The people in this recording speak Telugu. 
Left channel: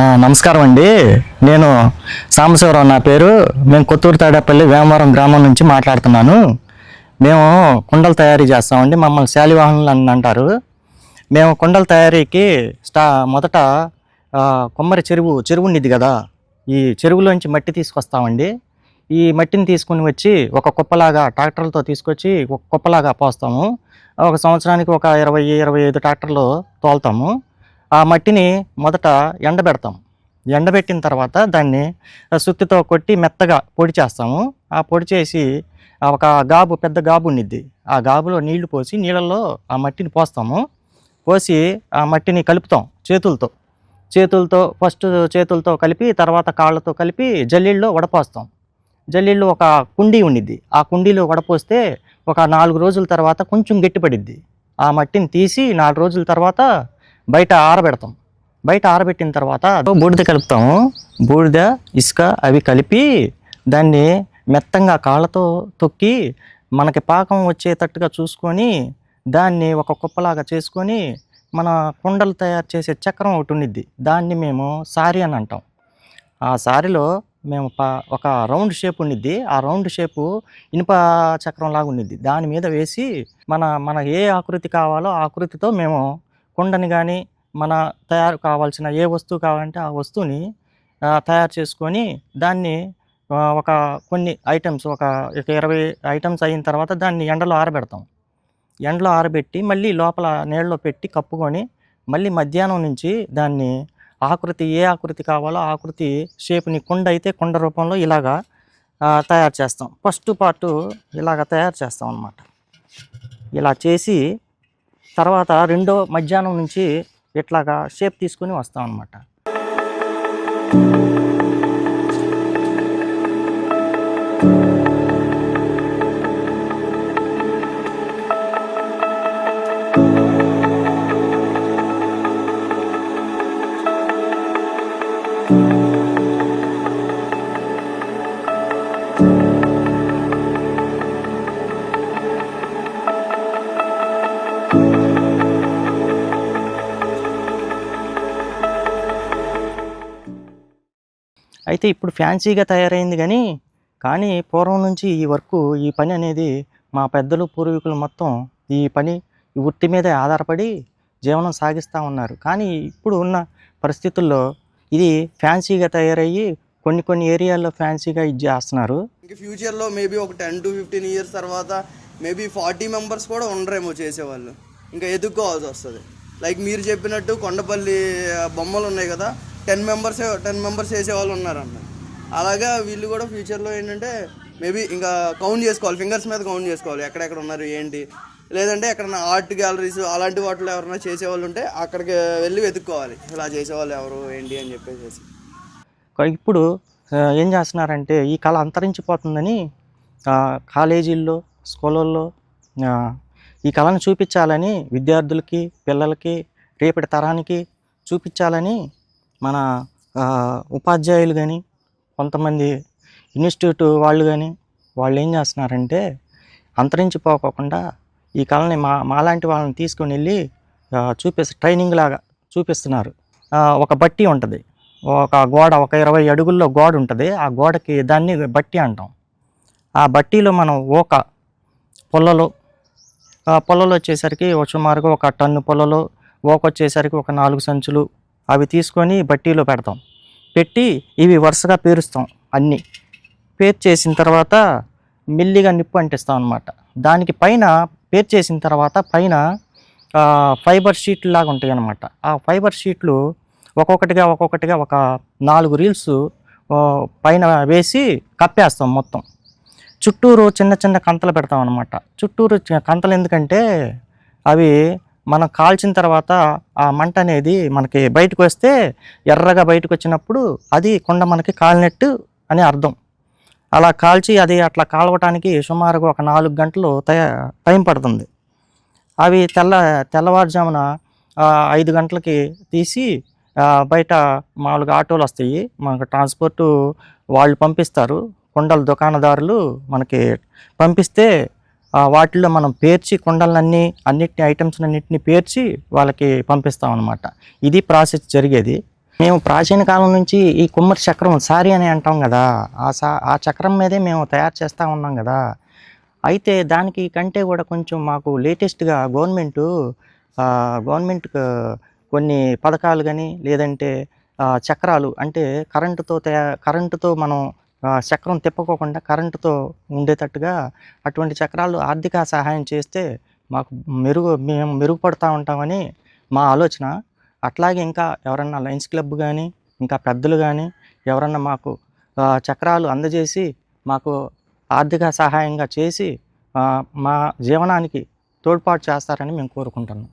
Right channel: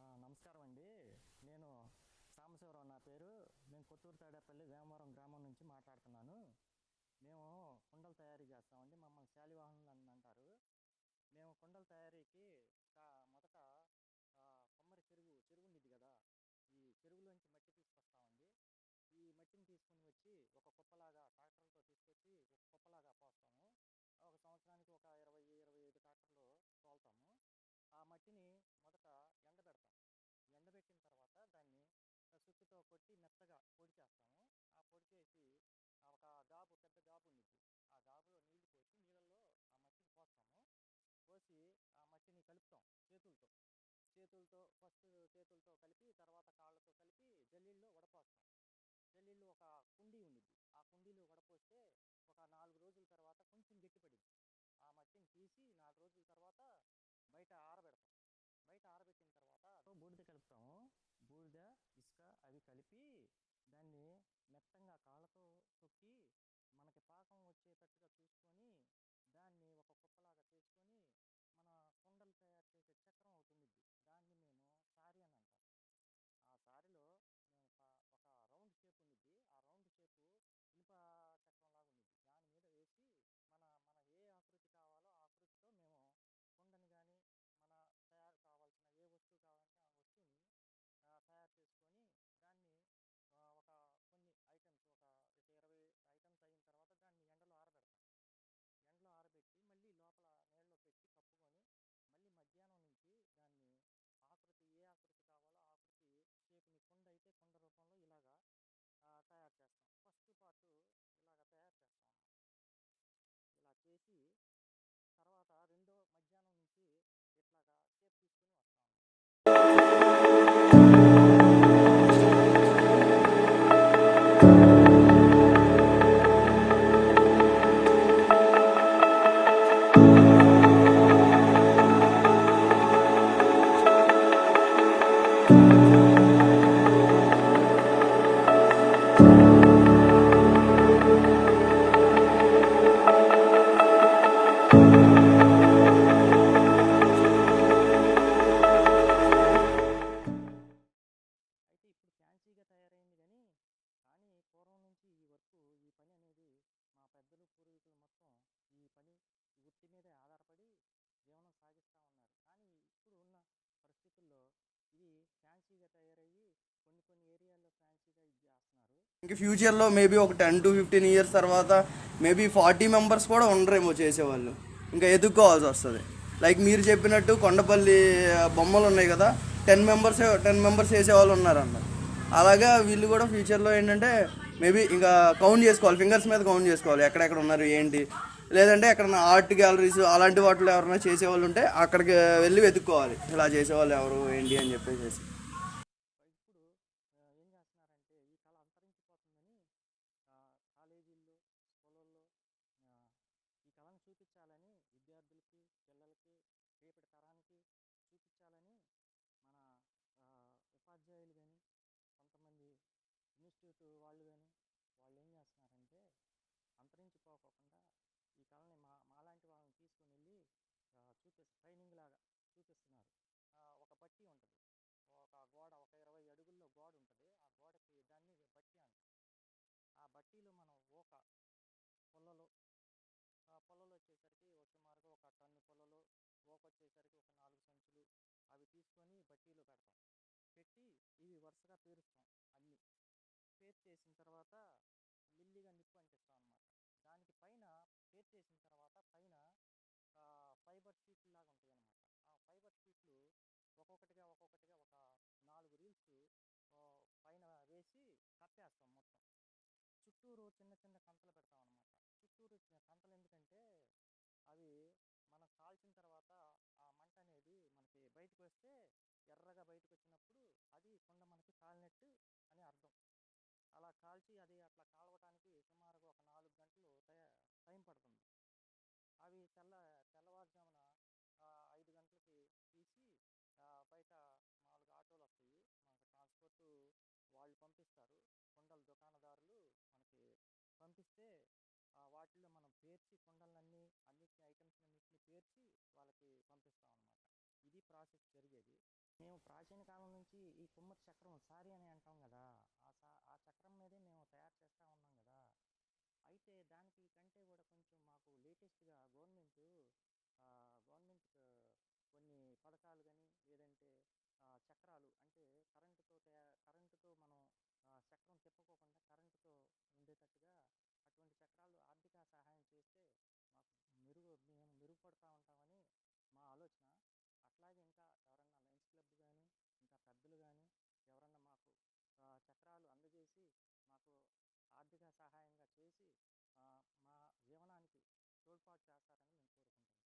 నమస్కారం అండి. నేను సాంబశివరావు నా పేరు. మేము కొత్తూరు తాడేపల్లి వేమవరం గ్రామం నుంచి మాట్లాడుతున్నాను. మేము కుండలు తయారీ చేస్తామండి. మమ్మల్ని శాలివాహనులు అని అంటారు. మేము కుండల తయారీకి మొదట కొమ్మరి చెరువు ఉండిద్ది కదా, ఈ చెరువులోంచి మట్టి తీసుకొస్తామండి. ఈ మట్టిని తీసుకుని వచ్చి ఒక కుప్పలాగా ట్రాక్టర్లతో తీసుకొచ్చి ఒక కుప్పలాగా పోస్తాము. ఒక సంవత్సరానికి ఒక 20-25 ట్రాక్టర్లు తోలుతాము. ఆ మట్టిని మొదట ఎండబెడతాం. ఎండబెట్టిన తర్వాత దాన్ని సుత్తితో కొట్టి మెత్తగా పొడి చేస్తాము. ఆ పొడి చేసి ఒక పెద్ద గాబు ఉండిద్ది. ఆ గాబులో నీళ్లు పోసి నీళ్ళల్లో ఆ మట్టిని పోస్తాము. పోసి ఆ మట్టిని కలుపుతాం చేతులతో ఫస్ట్ చేతులతో కలిపి, తర్వాత కాళ్ళతో కలిపి జల్లెళ్ళలో వడపోస్తాం. జల్లెళ్ళు ఒక కుండీ ఉండిద్ది. ఆ కుండీలో వడపోస్తే ఒక 4 రోజుల తర్వాత కొంచెం గట్టిపడిద్ది. ఆ మట్టిని తీసి 4 రోజుల తర్వాత బయట ఆరబెడతాం. బయట ఆరబెట్టిన తర్వాత బూడిద కలుపుతాము. బూడిద, ఇసుక అవి కలిపి దాన్ని మెత్తంగా కాళ్ళతో తొక్కి మనకి పాకం వచ్చేటట్టుగా చూసుకొని దాన్ని ఒక కుప్పలాగా చేసుకొని మన కుండలు తయారు చేసే చక్రం ఒకటి ఉండిద్ది. దాన్ని మేము సారి అని అంటాం. ఆ సారిలో మేము ఒక రౌండ్ షేప్ ఉండిద్ది. ఆ రౌండ్ షేపు ఇనుప చక్రం లాగా ఉండిద్ది. దాని మీద వేసి మన ఏ ఆకృతి కావాలో ఆ ఆకృతితో మేము కుండని కానీ మన తయారు కావాల్సిన ఏ వస్తువు కావాలంటే ఆ వస్తువుని తయారు చేసుకొని దాన్ని ఒక కొన్ని ఐటమ్స్ ఒక 20 ఐటమ్స్ అయిన తర్వాత దాన్ని ఎండలో ఆరబెడతాం. ఎండలో ఆరబెట్టి మళ్ళీ లోపల నీళ్ళలో పెట్టి కప్పుకొని మళ్ళీ మధ్యాహ్నం నుంచి దాన్ని ఏ ఆకృతి కావాలో ఆ ఆకృతి షేప్ని కుండ అయితే కుండ రూపంలో ఇలాగా తయారు చేస్తాం. ఫస్ట్ పార్టు ఇలాగ తయారు చేస్తాం అన్నమాట. ఇలా చేసి తర్వాత రెండో మధ్యాహ్నం నుంచి ఇట్లాగా షేప్ తీసుకుని వస్తాం అన్నమాట. అయితే ఇప్పుడు ఫ్యాన్సీగా తయారైంది కానీ పూర్వం నుంచి ఈ పని అనేది మా పెద్దలు పూర్వీకులు మొత్తం ఈ వృత్తి మీదే ఆధారపడి జీవనం సాగిస్తూ ఉన్నారు. కానీ ఇప్పుడు ఉన్న పరిస్థితుల్లో ఇది ఫ్యాన్సీగా తయారయ్యి కొన్ని ఏరియాల్లో ఫ్యాన్సీగా ఇది చేస్తున్నారు. ఇంకా ఫ్యూచర్లో మేబీ ఒక 10-15 ఇయర్స్ తర్వాత మేబీ 40 మెంబర్స్ కూడా ఉండరేమో చేసేవాళ్ళు. ఇంకా ఎదుర్కోవాల్సి వస్తుంది. లైక్ మీరు చెప్పినట్టు కొండపల్లి బొమ్మలు ఉన్నాయి కదా, 10 మెంబర్స్ చేసేవాళ్ళు ఉన్నారన్న. అలాగా వీళ్ళు కూడా ఫ్యూచర్లో ఏంటంటే మేబీ ఇంకా కౌంట్ చేసుకోవాలి, ఫింగర్స్ మీద కౌంట్ చేసుకోవాలి ఎక్కడెక్కడ ఉన్నారు ఏంటి. లేదంటే ఎక్కడన్నా ఆర్ట్ గ్యాలరీస్ అలాంటి వాటిలో ఎవరైనా చేసేవాళ్ళు ఉంటే అక్కడికి వెళ్ళి వెతుక్కోవాలి, ఇలా చేసేవాళ్ళు ఎవరు ఏంటి అని చెప్పేసి. ఇప్పుడు ఏం చేస్తున్నారంటే ఈ కళ అంతరించిపోతుందని కాలేజీల్లో, స్కూళ్ళల్లో ఈ కళను చూపించాలని విద్యార్థులకి, పిల్లలకి, రేపటి తరానికి చూపించాలని మన ఉపాధ్యాయులు కానీ, కొంతమంది ఇన్స్టిట్యూట్ వాళ్ళు కానీ వాళ్ళు ఏం చేస్తున్నారంటే అంతరించిపోకుండా ఈ కళని మాలాంటి వాళ్ళని తీసుకొని వెళ్ళి ట్రైనింగ్ లాగా చూపిస్తున్నారు. ఒక బట్టి ఉంటుంది, ఒక 20 అడుగుల్లో గోడ ఉంటుంది. ఆ గోడకి దాన్ని బట్టి అంటాం. ఆ బట్టీలో మనం పొల్లలు వచ్చేసరికి సుమారుగా ఒక టన్ను పొల్లలు, వచ్చేసరికి ఒక 4 సంచులు అవి తీసుకొని బట్టీలో పెడతాం. పెట్టి ఇవి వరుసగా పేరుస్తాం. అన్నీ పేర్చేసిన తర్వాత మెల్లిగా నిప్పు అంటిస్తాం అన్నమాట. దానికి పైన పేర్చేసిన తర్వాత పైన ఫైబర్ షీట్లు లాగా ఉంటాయి అన్నమాట. ఆ ఫైబర్ షీట్లు ఒక్కొక్కటిగా ఒక 4 రీల్స్ పైన వేసి కప్పేస్తాం మొత్తం. చుట్టూరు చిన్న కంతలు పెడతాం అన్నమాట. చుట్టూరు కంతలు ఎందుకంటే అవి మనం కాల్చిన తర్వాత ఆ మంట అనేది మనకి బయటకు వస్తే ఎర్రగా బయటకు వచ్చినప్పుడు అది కుండ మనకి కాలినట్టు అని అర్థం. అలా కాల్చి అది అట్లా కాలవటానికి సుమారుగా ఒక 4 గంటలు టైం పడుతుంది. అవి తెల్లవారుజామున 5 గంటలకి తీసి బయట మామూలుగా ఆటోలు వస్తాయి, మనకు ట్రాన్స్పోర్టు వాళ్ళు పంపిస్తారు. కుండల దుకాణదారులు మనకి పంపిస్తే వాటిల్లో మనం పేర్చి అన్నిటిని ఐటమ్స్ అన్నిటిని పేర్చి వాళ్ళకి పంపిస్తాం అన్నమాట. ఇది ప్రాసెస్ జరిగేది. మేము ప్రాచీన కాలం నుంచి ఈ కుమ్మరి చక్రం సారీ అని అంటాం కదా, ఆ చక్రం మీదే మేము తయారు చేస్తూ ఉన్నాం కదా. అయితే దానికి కంటే కూడా కొంచెం మాకు లేటెస్ట్గా గవర్నమెంట్ కొన్ని పథకాలు కానీ, లేదంటే చక్రాలు అంటే కరెంటుతో మనం చక్రం తిప్పుకోకుండా కరెంటుతో ఉండేటట్టుగా అటువంటి చక్రాలు ఆర్థిక సహాయం చేస్తే మాకు మేము మెరుగుపడతా ఉంటామని మా ఆలోచన. అట్లాగే ఇంకా ఎవరన్నా లయన్స్ క్లబ్ కానీ, ఇంకా పెద్దలు కానీ ఎవరన్నా మాకు చక్రాలు అందజేసి మాకు ఆర్థిక సహాయంగా చేసి మా జీవనానికి తోడ్పాటు చేస్తారని మేము కోరుకుంటున్నాం.